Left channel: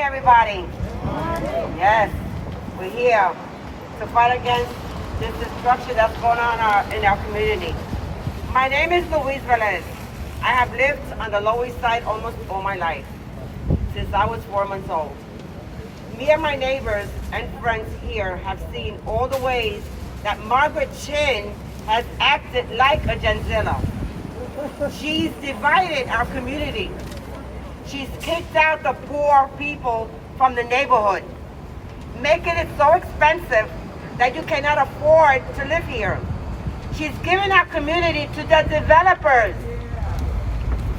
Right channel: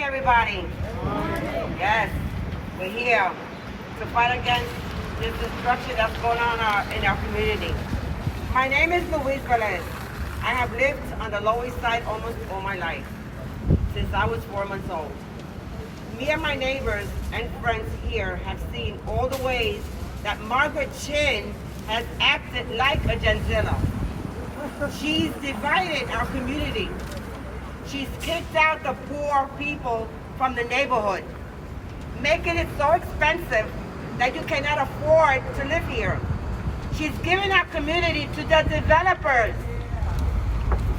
morning, everybody. Yes, we're here to fight against this destruction that's going on in our community. My name is Louise Velez. I have lived on the Lower East Side almost all my life, since I was 4 months old. Me and my neighbors and friends here have seen all the ways that Margaret Chin has acted like a Genzilla. She's divided our community. She's kicked out the poor people from the neighborhood, making it so expensive that you cannot afford to live here. She's given our community to the developers.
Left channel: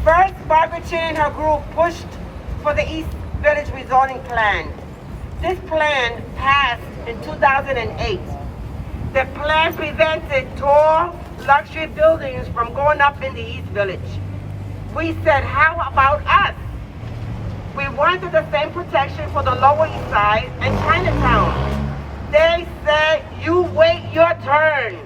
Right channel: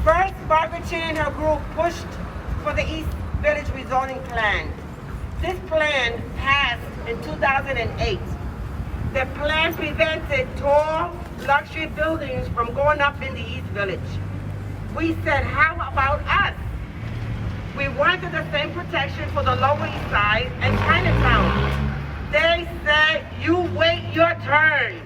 First, Margaret Chin and her group pushed for the East Village rezoning plan. This plan passed in 2008. The plan prevented tall, luxury buildings from going up in the East Village. We said, how about us? We wanted the same protection for the Lower East Side and Chinatown. They said, you wait your turn.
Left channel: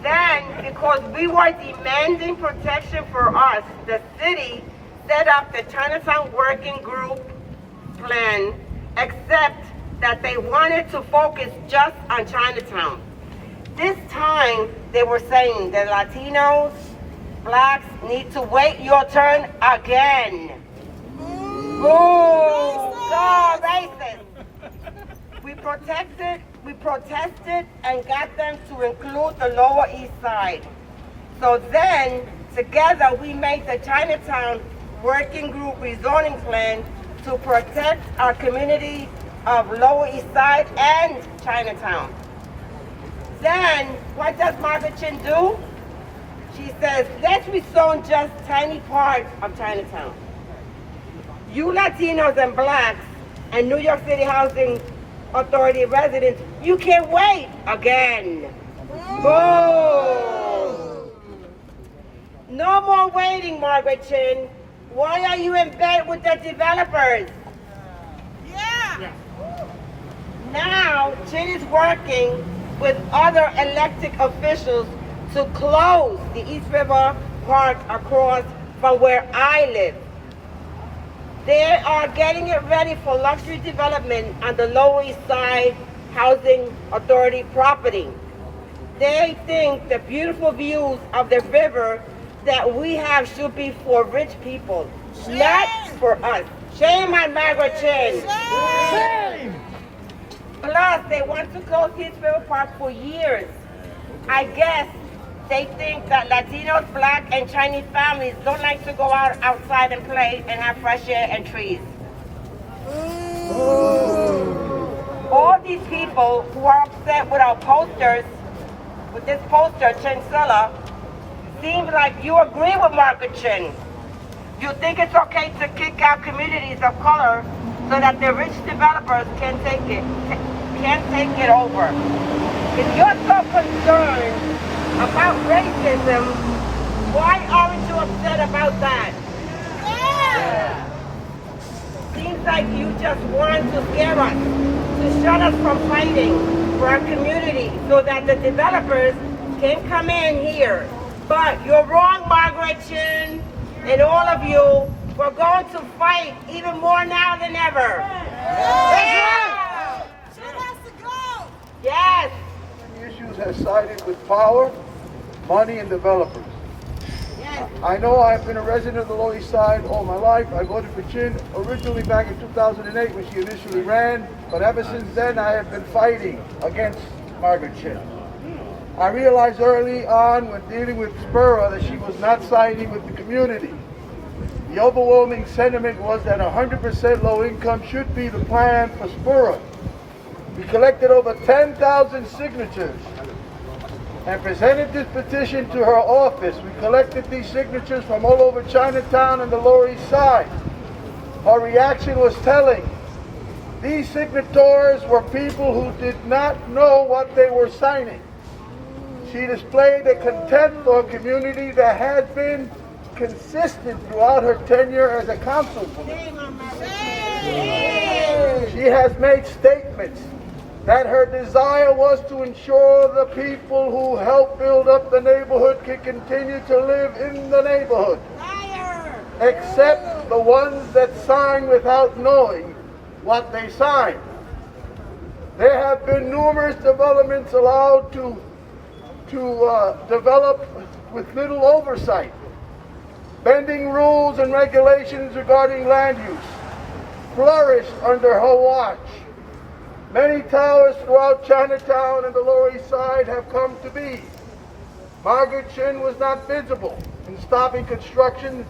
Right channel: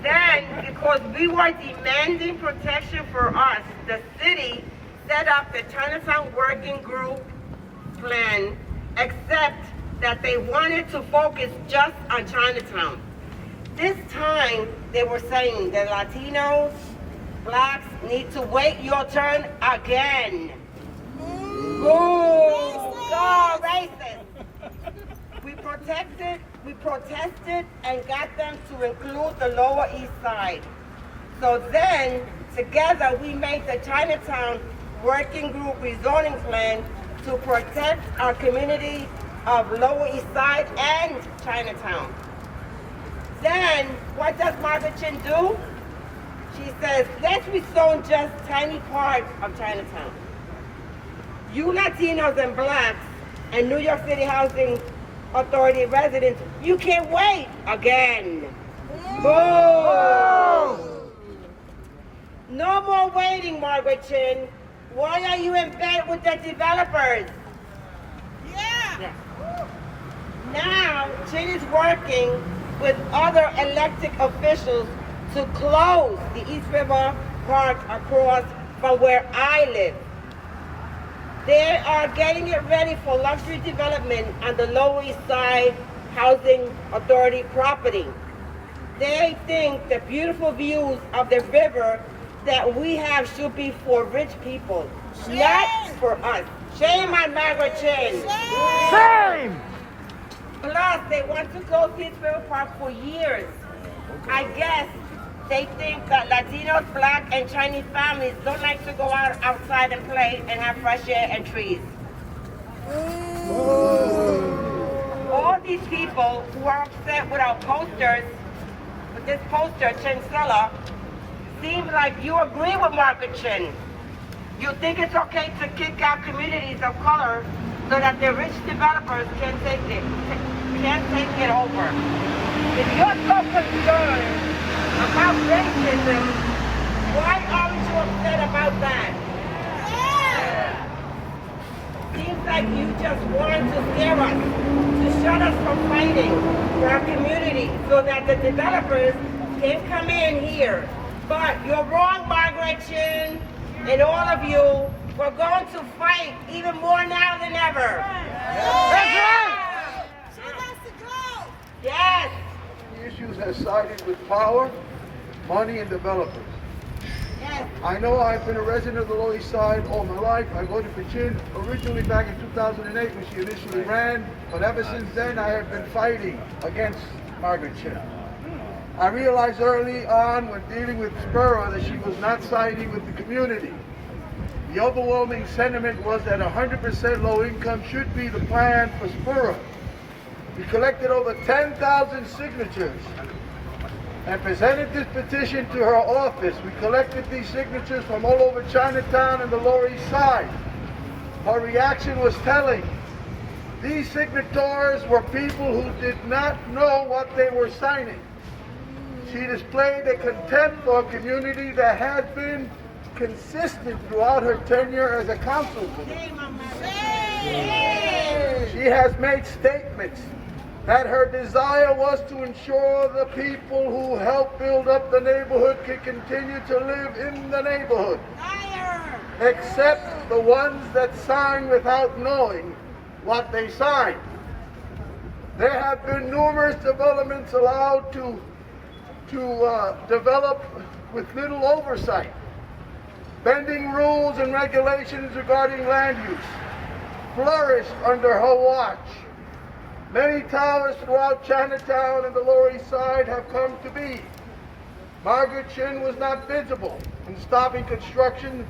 Then, because we were demanding protection for us, the city set up the Chinatown Working Group plan, except that they wanted to focus just on Chinatown. This time, they were saying the Latinos, Blacks need to wait your turn again. Boo! Go, racist! We protested and got them to include the Lower East Side. So then, together, we made the Chinatown Working Group rezoning plan to protect our community of Lower East Side and Chinatown. Then, what does Margaret Chin do? She says, let's rezone just tiny parts of Chinatown. You Latinos and Blacks and New York City Housing Authority residents, you can't wait again. Boom! No more waiting, Margaret Chin. Why are you in bed with the developers? Yeah. Now, Chin is working with other elected officials to close the East River Park across from where I live. They are getting it ready for luxury development on the Lower East Side Housing Authority property. They think the beautiful views of the river that we have should be for rich people, not for us. Shame on Margaret Chin. Shame! Plus, they want to close East River Park for years. I guess they think that Latinos, Black, and Chinese families don't like to go outside and play and have fresh air and trees. All these people who are upset with our posters, with this poster, Chinzilla, seems like you agree with Margaret Chin. You think it's okay to kick out communities of color so that the rich developers can't take it over. If you're so concerned about racism, why aren't you upset about that? Yeah. Seems like you just want to scare us, to shut us from fighting for our community so that the developers can come in here. But you're wrong, Margaret Chin, and all of you. We're going to fight even more now than ever. Yeah. That's right! Chin has to go! Yes. The issues has sided with power, money, and developers. Yes. I know I've been a resident of the Lower East Side all my life. I voted for Chin originally back in 2008 when she initially ran, but ever since then I have been fighting against Margaret Chin. I realized early on when dealing with Spura that she was not siding with the community. The overwhelming sentiment was that 100% low income should be the plan for Spura. We collected over 10,000 signatures and presented this petition to her office. We collected these signatures from all over Chinatown and the Lower East Side. Her reaction was telling. These signatories were people who did not know what they were signing. She displayed a contempt for a community that had been consistent throughout her tenure as a councilwoman. She has made statements that her desire was to ensure the people who helped build up the neighborhood could continue to live in the neighborhood. except the ones that sign without knowing what they sign. There have been numerous developments allowed to develop with little oversight, bending rules and regulations regarding land use, flourished under her watch. Many towers throughout Chinatown and the Lower East Side have come to be. Margaret Chin was not visible in stopping construction,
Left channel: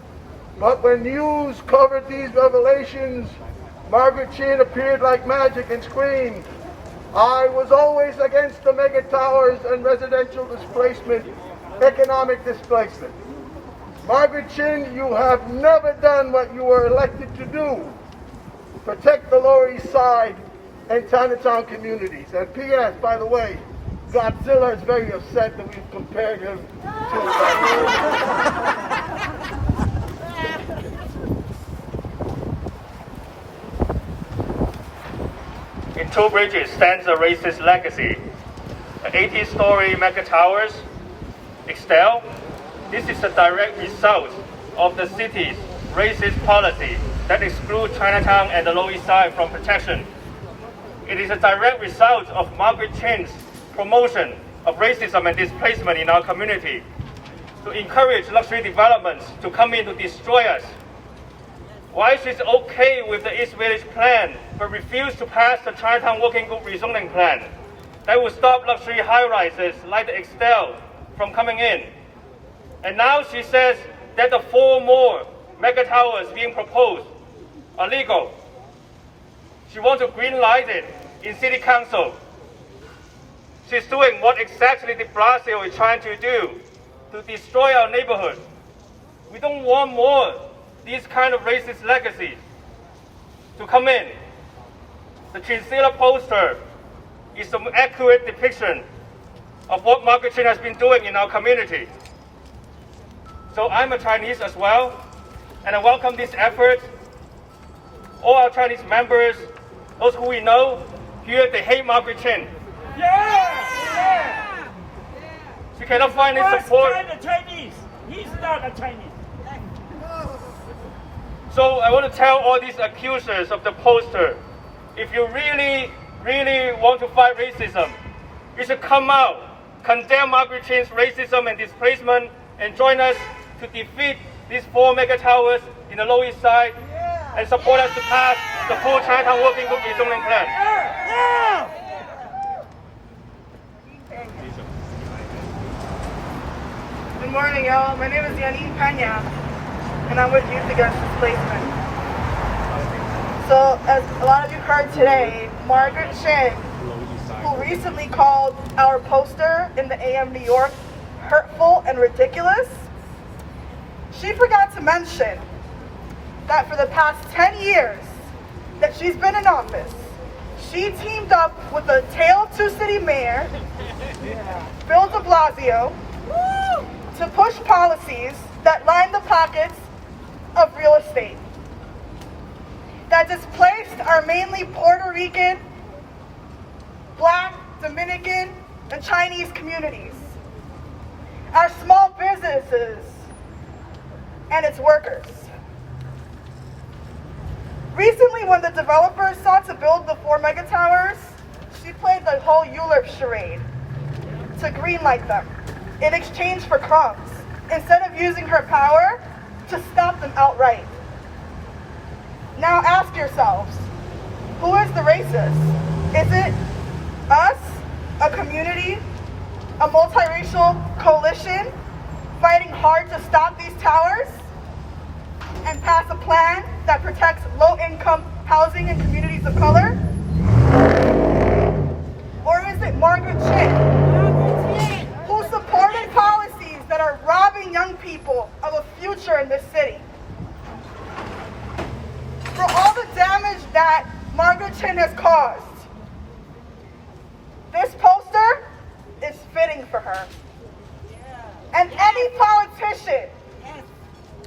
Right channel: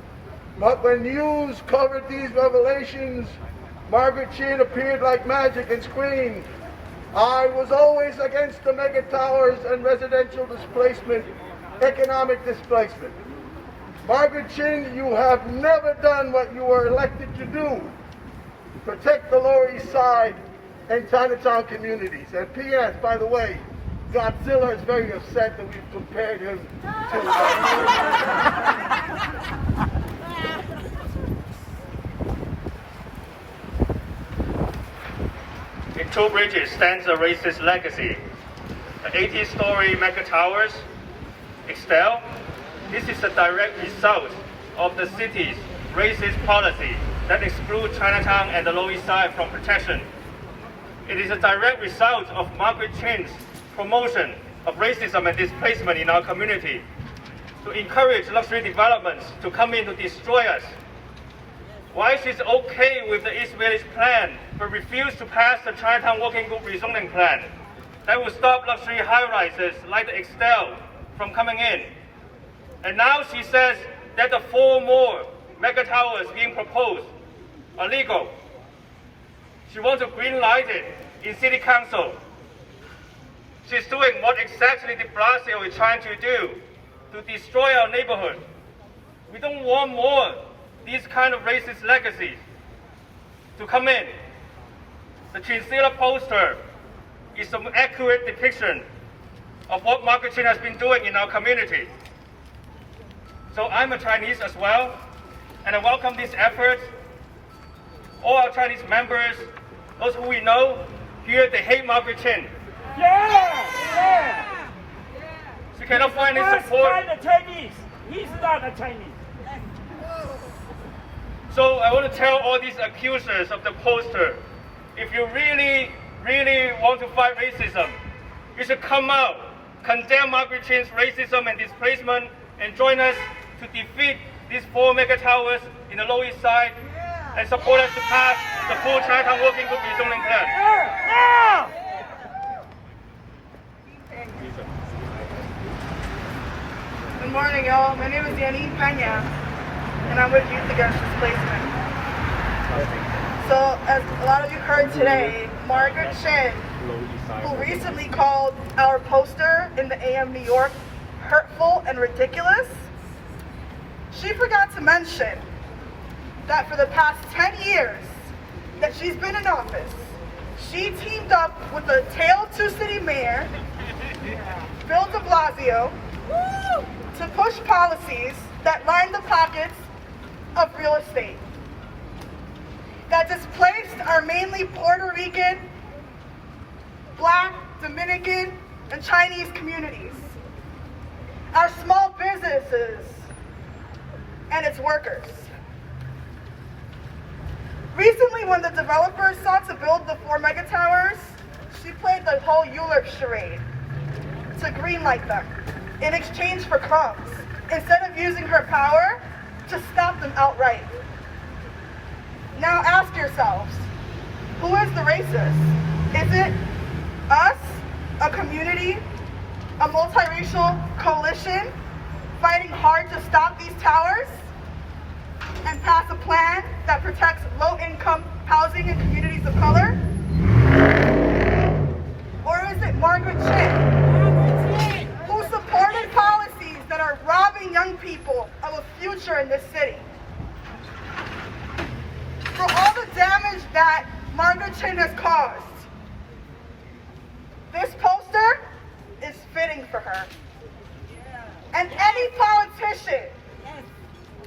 but when news covered these revelations, Margaret Chin appeared like magic and screamed, "I was always against the mega towers and residential displacement, economic displacement." Margaret Chin, you have never done what you were elected to do. Protect the Lower East Side and Chinatown communities. And P.S., by the way, Godzilla is very upset that we've compared him to In Two Bridges stands a racist legacy. The 80-story mega towers excel. This is a direct result of the city's racist policy that excludes Chinatown and the Lower East Side from protection. It is a direct result of Margaret Chin's promotion of racism and displacement in our community to encourage luxury developments to come in to destroy us. Why she's okay with the East Village plan but refused to pass the Chinatown Working Group rezoning plan that will stop luxury high-rises like the Excel from coming in. And now she says that the 4 more mega towers being proposed are legal. She wants to green light it in City Council. She's doing what exactly de Blasio is trying to do to destroy our neighborhood. We don't want more these kind of racist legacies to come in. The Chinchilla poster is an accurate depiction of what Margaret Chin has been doing in our community. So I'm a Chinese as well, and I welcome this effort. All our Chinese members, those who we know, here they hate Margaret Chin. Yeah! She cannot find any support. He's Chinese. He's not a Chinese. So I want to tell all these accusers of the poster, if you really, really want to fight racism, you should come out, condemn Margaret Chin's racism and displacement, and join us to defeat these 4 mega towers in the Lower East Side and support us to pass the full Chinatown Working Group rezoning plan. Good morning, y'all. My name is Yanni Pena, and I'm with Youth Against Displacement. So, as a lot of you heard today, Margaret Chin, who recently called our poster in the AM New York hurtful and ridiculous, she forgot to mention that for the past 10 years that she's been in office, she teamed up with the Tail 2 City Mayor, Bill de Blasio, to push policies that line the pockets of real estate, that displaced our mainly Puerto Rican, Black, Dominican, and Chinese communities, our small businesses, and its workers. Recently, when the developers sought to build the 4 mega towers, she played the whole Euler charade to greenlight them in exchange for crumbs, instead of using her power to stop them outright. Now ask yourselves, who is the racist? Is it us, a community, a multiracial coalition, fighting hard to stop these towers and pass a plan that protects low-income housing in communities of color? Or is it Margaret Chin, who supported policies that are robbing young people of a future in this city? For all the damage that Margaret Chin has caused, this poster is fitting for her. And any politician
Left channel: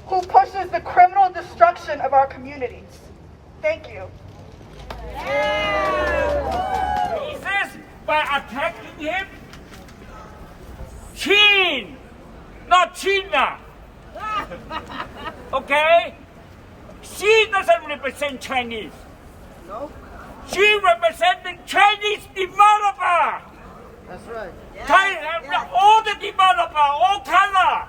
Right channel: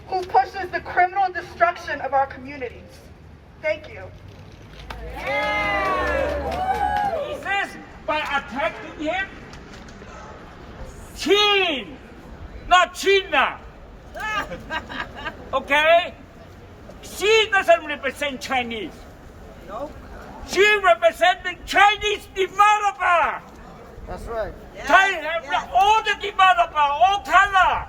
who pushes the criminal destruction of our communities. Thank you. He says by attacking him, Chin, not China. Okay? She doesn't represent Chinese. No? She represents the Chinese developer. That's right. All the developer, all color.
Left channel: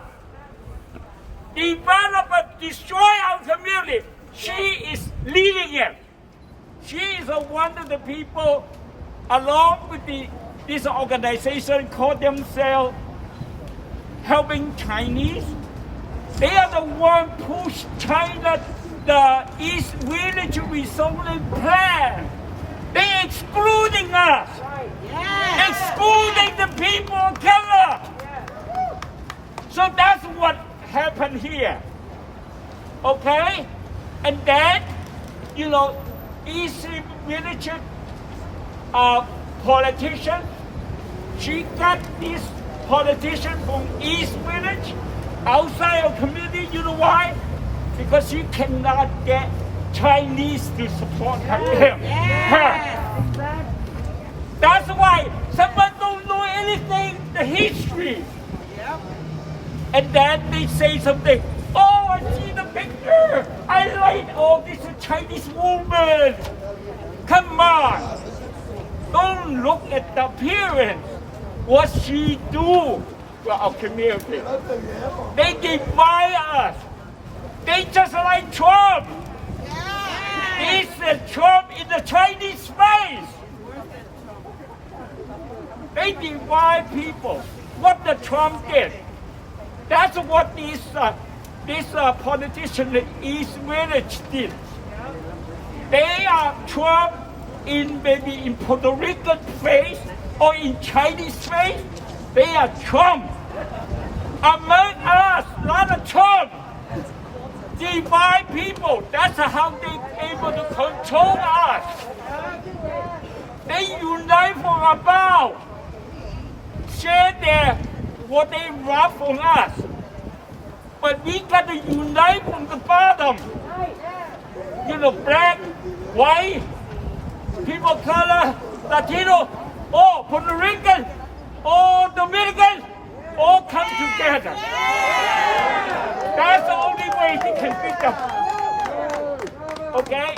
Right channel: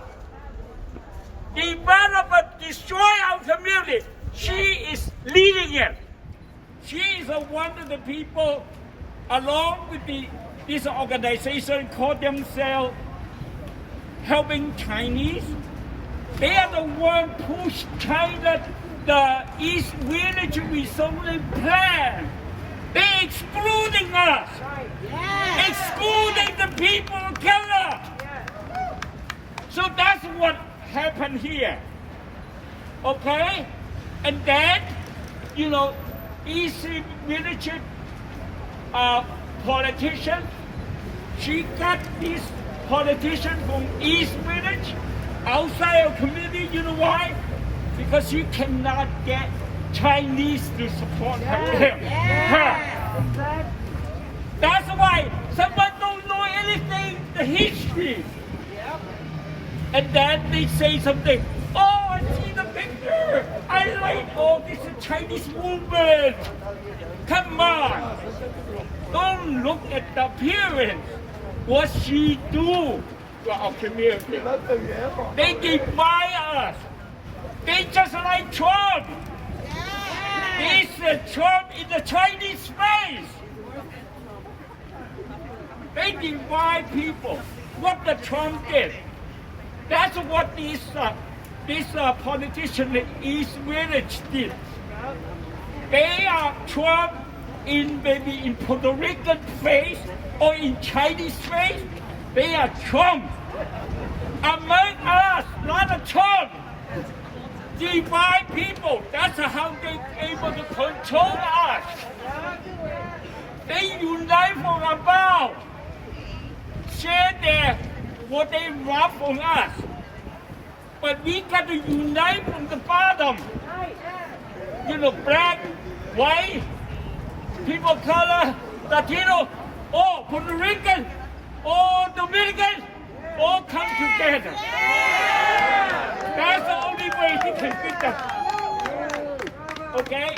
Developer destroy our community. She is leading it. She is one of the people, along with this organization, called themselves Helping Chinese. They are the one push China the East Village rezoning plan. They excluding us. Excluding the people of color. So that's what happened here. Okay? And then, East Village politician, she got this politician from East Village outside of community. You know why? Because she cannot get Chinese to support her. That's why someone don't know anything, the history. And then they say something, oh, I see the picture. I like, oh, this is Chinese woman. Come on. Don't look at the appearance. What she do to our community. They divide us. They just like Trump. It's the Trump in the Chinese space. They divide people. What the Trump did. That's what this politician in East Village did. They are Trump maybe in Puerto Rican face or in Chinese face. They are Trump. Among us, not a Trump. Divide people. That's how they able to control us. They unite for about share what they rob from us. But we got to unite from the bottom. Black, white, people of color, Latino, all Puerto Rican, all Dominican, all come together. That's the only way we can beat them. Okay?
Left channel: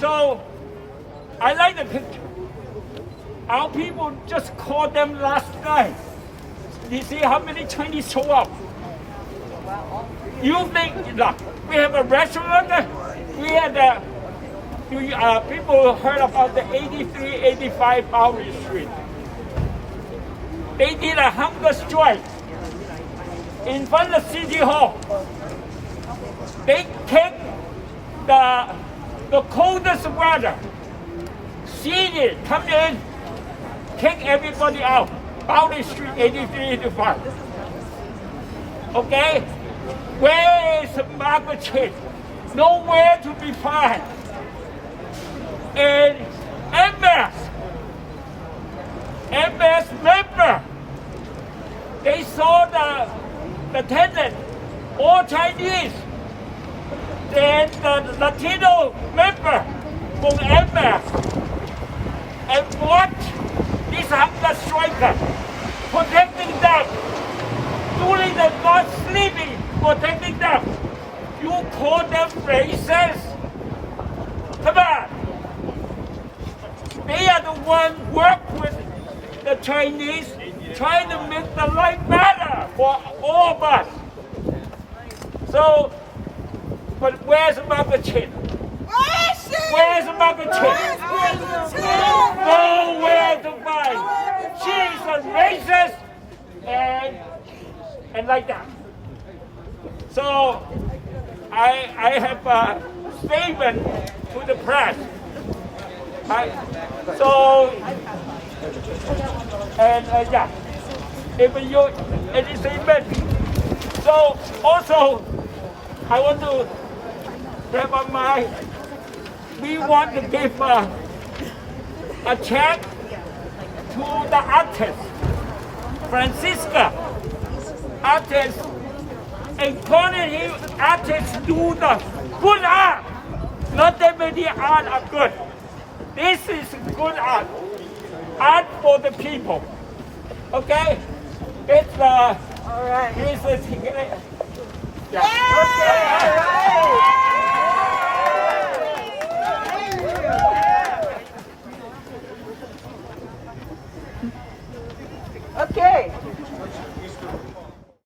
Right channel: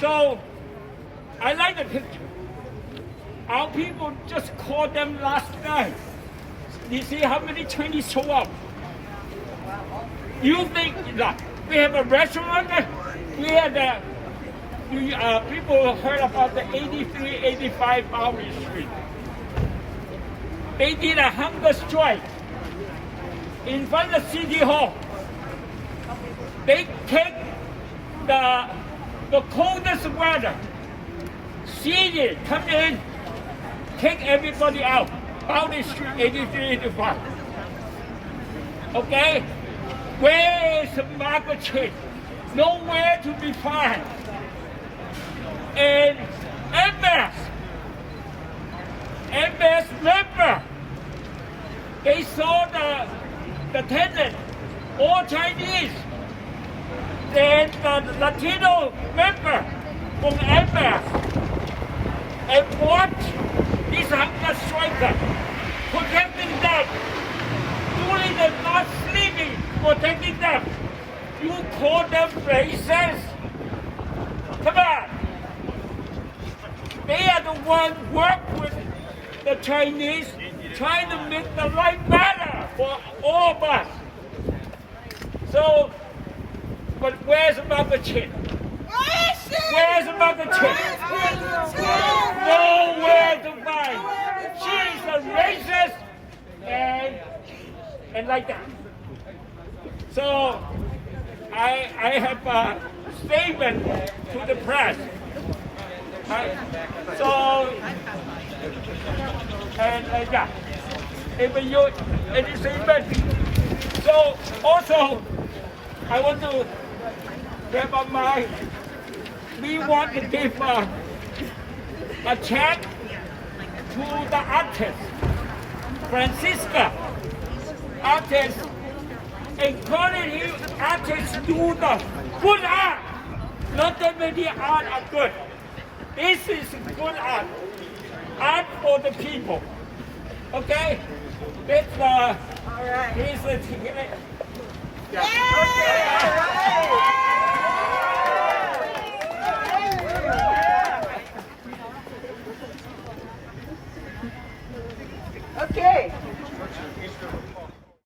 So, I like the picture. Our people just called them last night. You see how many Chinese show up? You think, look, we have a restaurant, we had people heard about the 83, 85 Bowery Street. They did a hunger strike in front of City Hall. They take the coldest weather, seated, come in, take everybody out. Bowery Street, 83, 85. Okay? Where is Margaret Chin? Nowhere to be found. And NMASS member, they saw the tenant, all Chinese. Then the Latino member from NMASS and what this hunger striker, protecting them, during the not sleeping, protecting them. You call them racist? Come on. They are the ones work with the Chinese, trying to make the life better for all of us. So, but where's Margaret Chin? Where's Margaret Chin? Nowhere to find. She's a racist and like that. So I have a statement to the press. Yeah, if you any statement. So also I want to grab on we want to give a check to the artist, Francisca. Artists, encouraging artists do the good art. Not that many art are good. This is good art. Art for the people. Okay? It's All right. Here's the ticket. Yeah.